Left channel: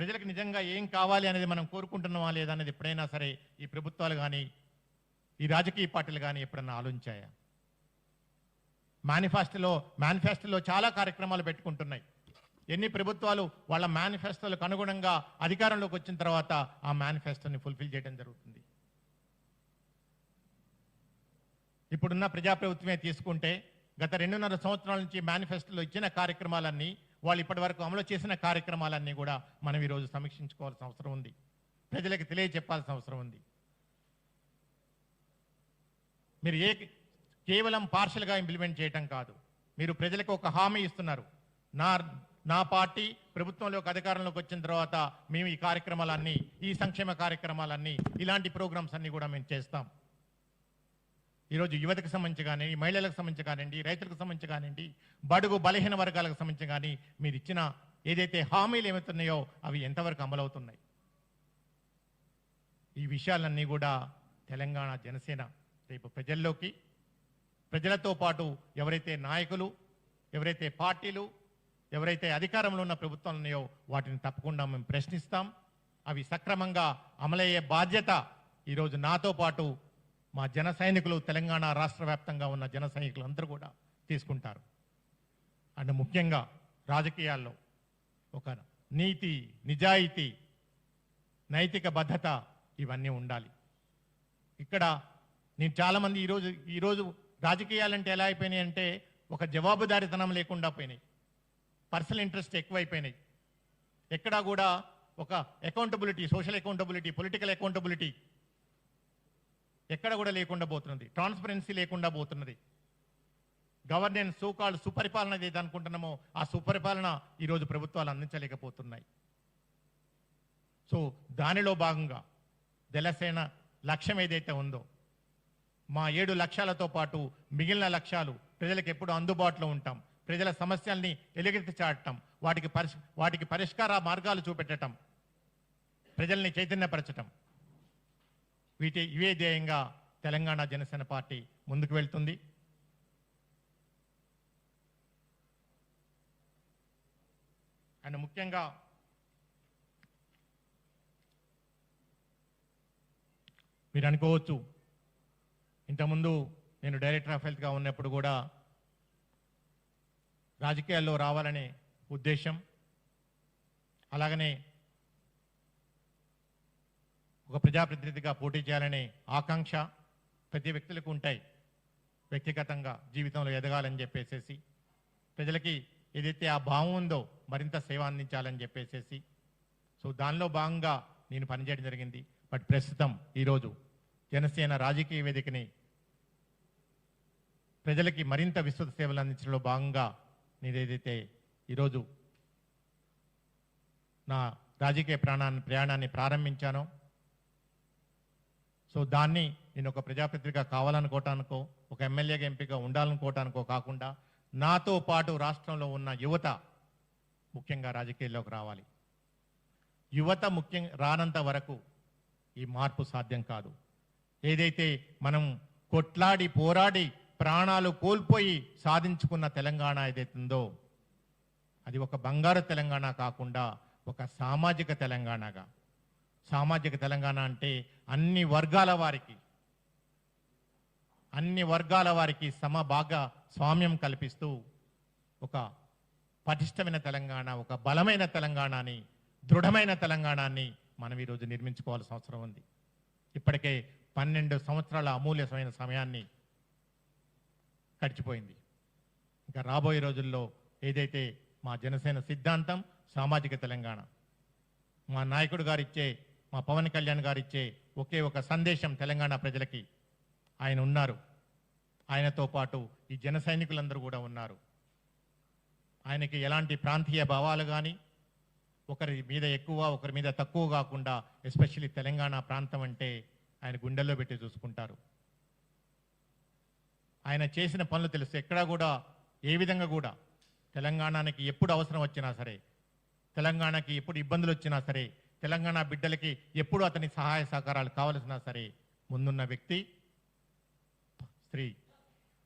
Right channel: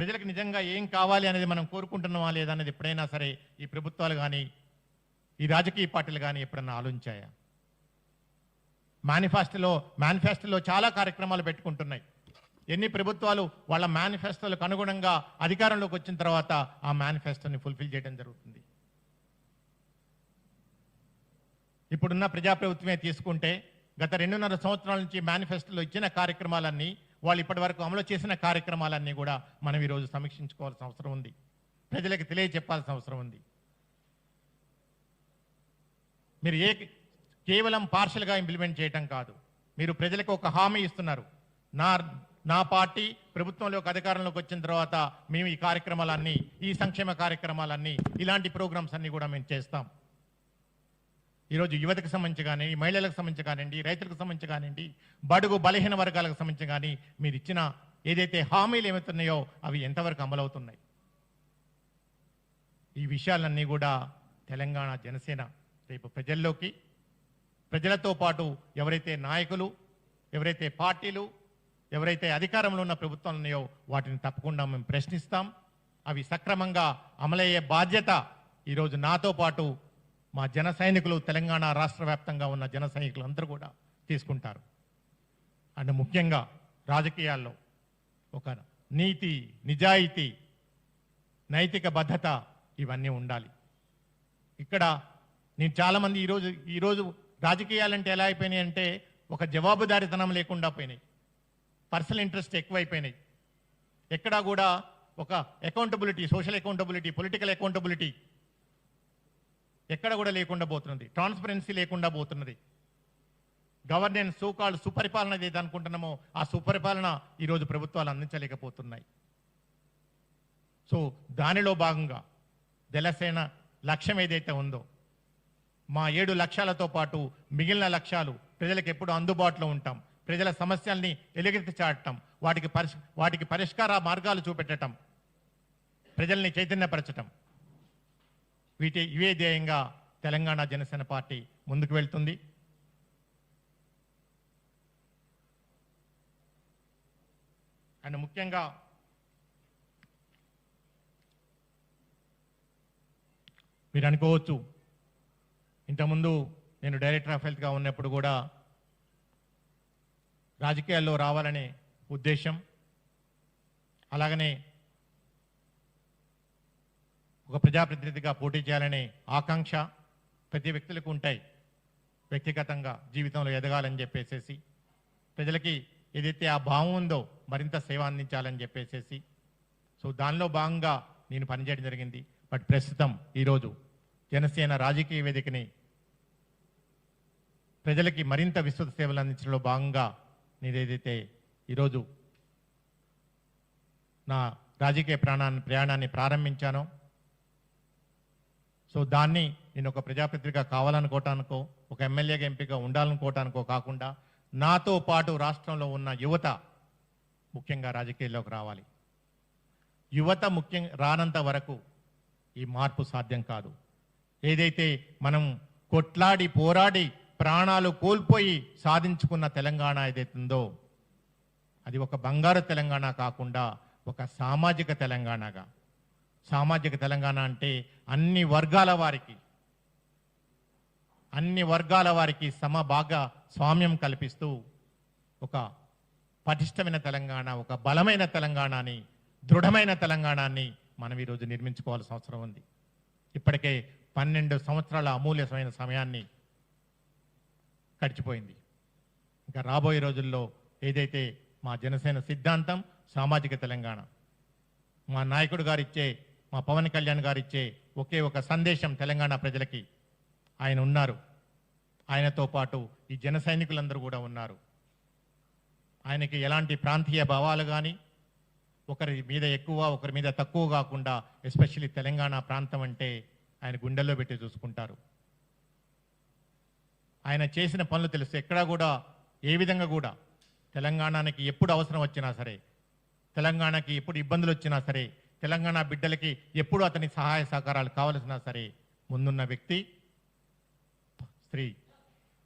ప్రజలకు నిజంగా ఏం కావాలి అనేది మనం కోరుకుంటున్నామా లేదా అనేది ఎప్పుడైనా సరే ఈ ప్రభుత్వాలు కానీ ఈ రాజకీయ పార్టీలు కానీ ఎప్పుడన్నా ఆలోచించాయా? మేనిఫెస్టోలో చాలా కార్యక్రమాలు పెట్టుకుంటున్నాయి. ఎన్ని ప్రభుత్వాలు వాళ్ళ మేనిఫెస్టోలకు అనుగుణంగా అధికారంలోకి వచ్చిన తర్వాత ఆ మేనిఫెస్టోని ఫుల్ఫిల్ చేయడం జరుగుతుంది. ఇప్పుడున్న ప్రజాప్రభుత్వమే తీసుకుంటే గత 2.5 సంవత్సరాల నుంచి మేనిఫెస్టోలో ఇచ్చిన కార్యక్రమాలన్నీ, వాళ్ళు ఇప్పటి వరకు అమలు చేసిన కార్యక్రమాలన్నీ కూడా మనం ఈరోజు సమీక్షించుకోవాల్సిన అవసరం ఉంది, ప్రజలకు తెలియజెప్పాల్సిన అవసరం ఉంది. మీరు కేవలం పార్షల్గా ఇంప్లిమెంట్ చేయటం కాదు, మీరు ప్రజలకు ఒక హామీ ఇస్తున్నారు. నా పార్టీ ప్రభుత్వంలోకి అధికారంలోకి వచ్చిన తర్వాత మేము ఈ కార్యక్రమాలన్నీ, ఈ సంక్షేమ కార్యక్రమాలన్నీ, ఇలాంటి ప్రోగ్రామ్స్ అన్ని కూడా మేము చేస్తాం. ఈరోజు యువతకు సంబంధించి కానీ, మహిళలకు సంబంధించి కానివ్వండి, రైతులకు సంబంధించి కానివ్వండి, బడుగు బలహీన వర్గాలకు సంబంధించి కానీ మీరు ఇచ్చిన ఏదైతే హామీలు ఏమవుతున్నాయో అవి ఎంతవరకు అమలవుతున్నాయి? ఈ విషయాలన్నీ కూడా తెలంగాణ జనసేన రేపు ప్రజల్లోకి, ప్రజలతో పాటు ఎవరైతే నాయకులు, ఎవరైతే పార్టీలు, ఎవరైతే అధికారంలో ఉన్న ప్రభుత్వాలు ఉన్నాయో వాటిని తప్పకుండా మేము ప్రశ్నిస్తాం. అవి సక్రమంగా అమలయ్యే బాధ్యత ఈరోజు నాతో పాటు మా జన సైనికులు, తెలంగాణ రాష్ట్ర వ్యాప్తంగా ఉన్న జన సైనికులు అందరూ కూడా తీసుకుంటారు. అండ్ ముఖ్యంగా రాజకీయాల్లో ఒక నీతి, నిజాయితీ, నైతిక భద్రత ఇవన్నీ ఉండాలి. ఇక్కడ నేను చాలామంది ఈరోజు రాజకీయాలంటే ఎలా అయిపోయినాయి అంటే ఒక జవాబుదారీతనం లేకుండా పోయినాయి, పర్సనల్ ఇంట్రెస్ట్ ఎక్కువైపోయినాయి. ఎక్కడా కూడా ఒక accountability, social accountability, political accountability ఎక్కడ కూడా లేకుండా పోతున్నది. ట్రాన్స్పరెన్సీ లేకుండా పోతున్నది. గవర్నెన్స్, సోకాల్డ్ సుపరిపాలన ఏదైతే అనుకుంటున్నామో ఆ సుపరిపాలన ఈరోజు ప్రభుత్వాలు అందించలేకపోతున్నాయి. సో దానిలో భాగంగా జనసేన లక్ష్యం ఏదైతే ఉందో, మా 7 లక్ష్యాలతో పాటు మిగిలిన లక్ష్యాలు ప్రజలకు ఎప్పుడు అందుబాటులో ఉంటాం, ప్రజల సమస్యల్ని ఎలుగెత్తి చాటడం, వాటికి పరిష్కార మార్గాలు చూపెట్టడం, ప్రజల్ని చైతన్యపరచడం, ఇవే ధ్యేయంగా తెలంగాణ జనసేన పార్టీ ముందుకు వెళ్తుంది. అండ్ ముఖ్యంగా మీరు అనుకోవచ్చు, ఇంతకుముందు నేను డైరెక్టర్ ఆఫ్ హెల్త్గా ఉన్నప్పుడు కూడా రాజకీయాల్లో రావాలనే ఉద్దేశం, అలాగనే ఒక ప్రజాప్రతినిధిగా పోటీ చేయాలనే ఆకాంక్ష ప్రతి వ్యక్తులకు ఉంటాయి. వ్యక్తిగతంగా జీవితంలో ఎదగాలని చెప్పేసేసి, ప్రజలకి ఏదైతే ఆ భావం ఉందో మరింత సేవ అందించాలని చెప్పేసేసి, సో దానిలో భాగంగా నేను పనిచేయడం జరిగింది. బట్ ప్రస్తుతం ఈరోజు జనసేన రాజకీయ వేదికని ప్రజలకి మరింత విస్తృత సేవలు అందించడంలో భాగంగా నేను ఏదైతే ఈరోజు నా రాజకీయ ప్రయాణాన్ని ప్రారంభించానో, సో దాన్ని నేను ఒక ప్రజాప్రతినిధిగా కావాలనుకోవటానికో, ఒక ఎమ్మెల్యేగా ఎంపీగా ఉండాలనుకోవటానికో కాకుండా నాతో పాటు రాష్ట్రంలో ఉన్న యువత ముఖ్యంగా రాజకీయాల్లోకి రావాలి. యువత ముఖ్యంగా రానంత వరకు ఈ మార్పు సాధ్యం కాదు. ఏదైతే మనం కొట్లాడి పోరాడి ప్రాణాలు కోల్పోయి సాధించుకున్న తెలంగాణ ఏదైతుందో అది ఒక బంగారు తెలంగాణ కాకుండా ఒక సామాజిక తెలంగాణగా, సామాజిక తెలంగాణ అంటే అన్ని వర్గాల వారికి సమభాగ స్వామ్యం కల్పిస్తూ ఒక పటిష్టమైన తెలంగాణ, ఒక బలమైన తెలంగాణని, దృఢమైన తెలంగాణని మనం ఈరోజు నిర్మించుకోవాల్సిన అవసరం ఉంది. ఇప్పటికే 12 సంవత్సరాల అమూల్యమైన సమయాన్ని గడిచిపోయింది. ఇంకా రాబోయే రోజుల్లో ఏదైతే మా జనసేన సిద్ధాంతం సామాజిక తెలంగాణ, మా నాయకుడు గారిచ్చే, మా పవన్ కళ్యాణ్ గారిచ్చే ఒకే ఒక సందేశం తెలంగాణ ప్రజలకి, ఆయన ఉన్నారు, ఆయనతో పాటు ఈ జన సైనికులందరూ కూడా ఉన్నారు. ఆయనకి ఎలాంటి ప్రాంతీయ భావాలు కానీ, ఒకరి మీద ఎక్కువ ఒకరి మీద తక్కువ కాకుండా, ఎస్పెషల్లీ తెలంగాణ ప్రాంతం అంటే ఆయన గుండెల్లో పెట్టి చూసుకుంటారు. ఆయన చేసిన పనులు తెలుసు. ఎక్కడా కూడా ఏ విధంగా కూడా తెలంగాణకి ఎప్పుడు అవసరం వచ్చినా సరే, తెలంగాణకి ఎప్పుడు ఇబ్బందులు వచ్చినా సరే, తెలంగాణ బిడ్డలకి ఎప్పుడు అతని సహాయ సహకారాలు కావలసినా సరే ముందున్న వ్యక్తి శ్రీ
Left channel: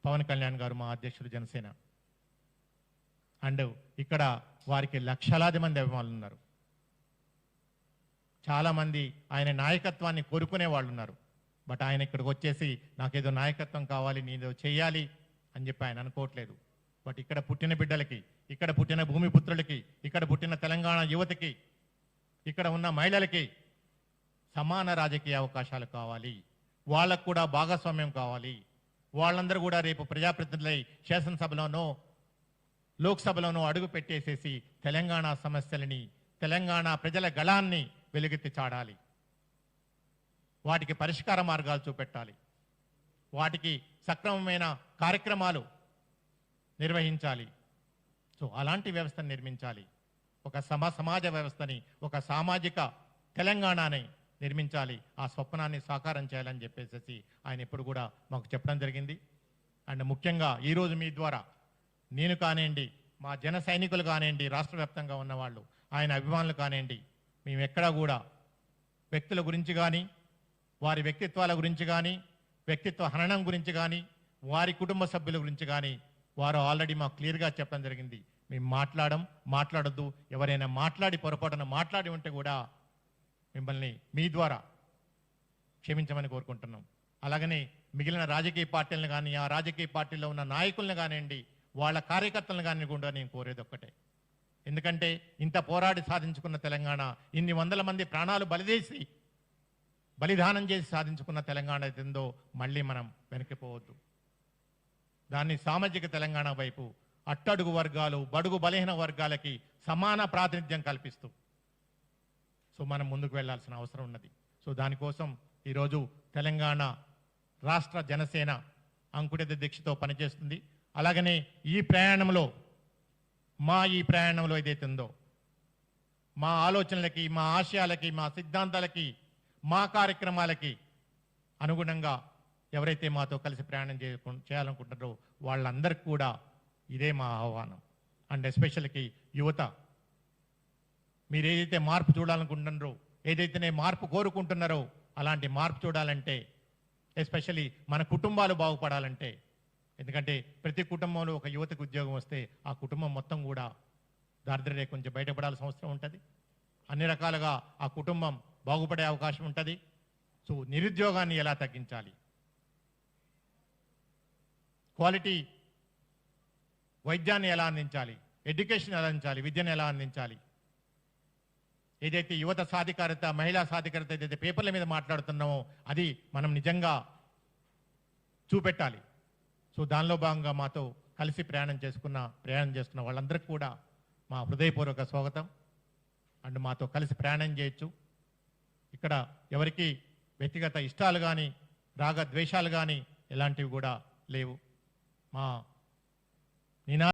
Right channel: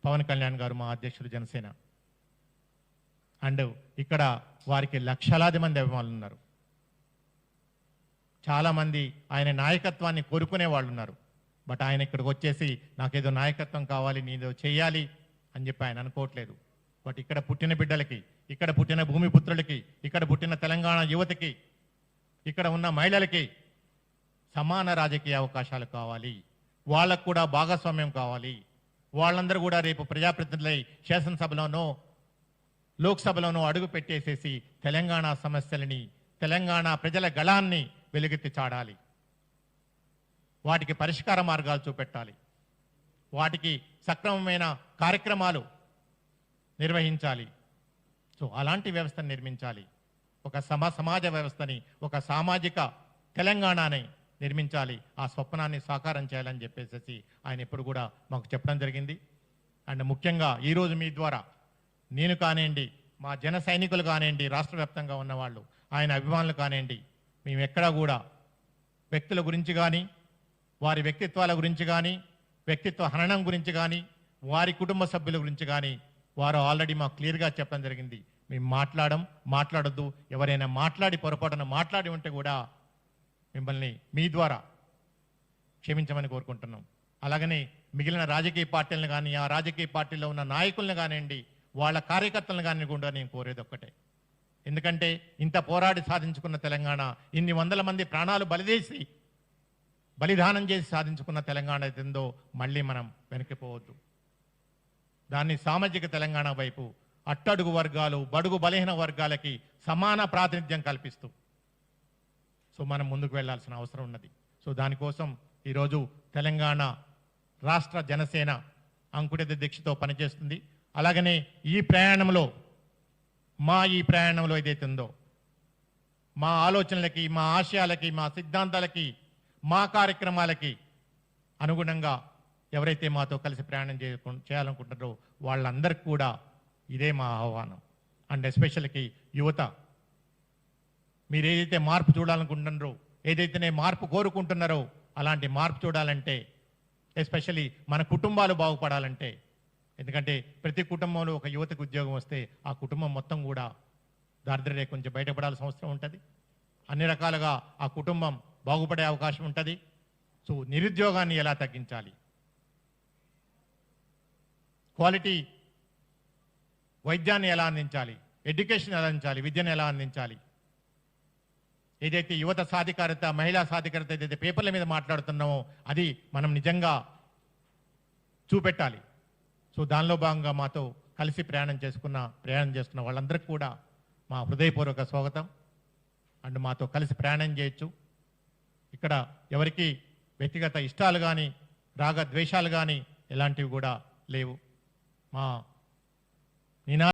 పవన్ కళ్యాణ్ గారు, మా అధ్యక్షుడు జనసేన. అండ్ ఇక్కడ వారికి లక్షలాది మంది అభిమానులు ఉన్నారు. చాలామంది ఆయన నాయకత్వాన్ని కోరుకునే వాళ్ళు ఉన్నారు. బట్ ఆయన ఇక్కడికి వచ్చేసి నాకేదో నాయకత్వం కావాలి, నేనేదో చేయాలి అని చెప్పి ఆయన అనుకోవట్లేదు. బట్ ఇక్కడ పుట్టిన బిడ్డలకి, ఇక్కడ పుట్టిన భూమిపుత్రులకి, ఇక్కడ పుట్టిన తెలంగాణ యువతకి, ఇక్కడ ఉన్న మహిళలకి సమాన రాజకీయ అవకాశాలు కావాలి, వాళ్ళకు కూడా భాగస్వామ్యం కావాలి. వాళ్ళందరూ కూడా రేపు ప్రజాప్రతినిధులై శాసనసభలోనో లోక్సభలోనో అడుగు పెట్టేసేసి తెలంగాణ సమస్యలని, తెలంగాణ ప్రజల గళాన్ని వెలుగెత్తి చాడాలి, వాటికి పరిష్కార మార్గాలు చూపెట్టాలి, వాటికి సక్రమమైన కార్యక్రమాలు నిర్వహించాలి. సో అలాంటి వ్యవస్థను నిర్మించాలి. ఒక సమాజ వ్యవస్థని, ఒక సామాజిక తెలంగాణని నిర్మించాలి. ఆ స్వప్నాన్ని సాకారం చేయాలని చెప్పేసి ఆయన ఎప్పుడు కూడా మాకు చెప్పడం జరిగింది. అండ్ ముఖ్యంగా ఈరోజు మీ ద్వారా నేను కానివ్వండి, మా జన సైనికులు కానివ్వండి, రాష్ట్ర వ్యాప్తంగా ఉన్నవాళ్ళు, ఆయన అభిమానులు కానివ్వండి, మేము ఎక్కడా కూడా వ్యక్తుల గురించి కానీ, వారి వ్యక్తిత్వాల గురించి కానీ, వ్యక్తిత్వ హననం గురించి కానీ, వారి కుటుంబ సభ్యుల గురించి కానీ వారు ఆల్రెడీ మాకు క్లియర్గా చెప్పడం జరిగింది. మేము మాట్లాడొద్దు. ఎవరైనా మాట్లాడి పొరపాటున మాట్లాడి ఉంటే కూడా మిమ్మల్ని మీ ద్వారా క్షమించమని కోరుకుంటున్నాం. అలాగనే మిగిలిన రాజకీయ పార్టీలను కానీ, ఆ రాజకీయ పార్టీలో ఉన్న నాయకులను కానివ్వండి, వాళ్ళ కార్యకర్తలను కానీ కూడా నేను కోరేది ఒక్కటే. ఎందుకంటే ఇంత పోరాడి సాధించుకున్న తెలంగాణ, ఇన్ని వందల మంది ప్రాణాలు బలిదానం చేసి సాధించుకున్న తెలంగాణ ఏదో మళ్ళీ మనం వెనక్కిపోవద్దు. దాన్ని సామాజిక తెలంగాణ వైపు అట్టడుగు వర్గాలు, బడుగు బలహీన వర్గాలకి సమాన ప్రాతినిధ్యం కల్పిస్తూ సో మనం ముందుకు వెళ్లాల్సిన అవసరం ఉన్నది. సో దానికోసం ఈరోజు తెలంగాణ రాష్ట్ర జనసేన అంకుఠిత దీక్షతో పనిచేస్తుంది. అలాగనే ఈ ప్రయాణంలో ఏదైతే ఉందో, మా ఆలోచనలకి, మా ఆశయాలకి, మా సిద్ధాంతాలకి, మా కార్యక్రమాలకి అనుగుణంగా ఎవరైతే మాతో కలిసి ప్రయాణం చేయాలనుకుంటారో వాళ్ళందరికీ కూడా ఇదే మా ఆహ్వానం. అండ్ ఎస్పెషల్కి యువత, మీరు ఏదైతే మార్పు చూడాలనుకుంటున్నారో, ఏదైతే మార్పు కోరుకుంటున్నారో అలాంటి మార్పు చూడాలంటే, ఎస్పెషల్లీ మన కుటుంబాలు బాగుపడాలంటే, ఎందుకంటే ప్రతి కుటుంబంలో ఒక యువతకు ఉద్యోగం వస్తే ఆ కుటుంబం మొత్తం కూడా దారిద్ర్య రేఖ నుంచి బయటపడాల్సిన అవసరం ఉంటుంది. అన్ని రకాలుగా ఆ కుటుంబం బాగుపడే అవకాశం ఉంటుంది. సో నిరుద్యోగాన్ని ఎలా తగ్గించాలి, క్వాలిటీ వైద్యాన్ని ఎలా అందించాలి, ఎడ్యుకేషన్ ఎలా అందించాలి, విద్యను ఎలా అందించాలి, ఏదైతే యువత సాధికారత, మహిళా సాధికారత ఏదైతే పేపర్ల మీద మాట్లాడుతున్నామో అది మనం నిజంగా చూపెట్టాలి. సో దానిలో భాగంగా మాతో కలిసి ప్రయాణం చేస్తున్న వాళ్ళందరికీ కూడా మా హృదయపూర్వక స్వాగతం. అండ్ మాతో కలిసి ప్రయాణం చేయొచ్చు. ఇక్కడ ఎవరికి వ్యక్తిగత ఇష్టాలు కానీ, రాగ ద్వేషాలు కానీ ఎలాంటివి కూడా లేవు. మా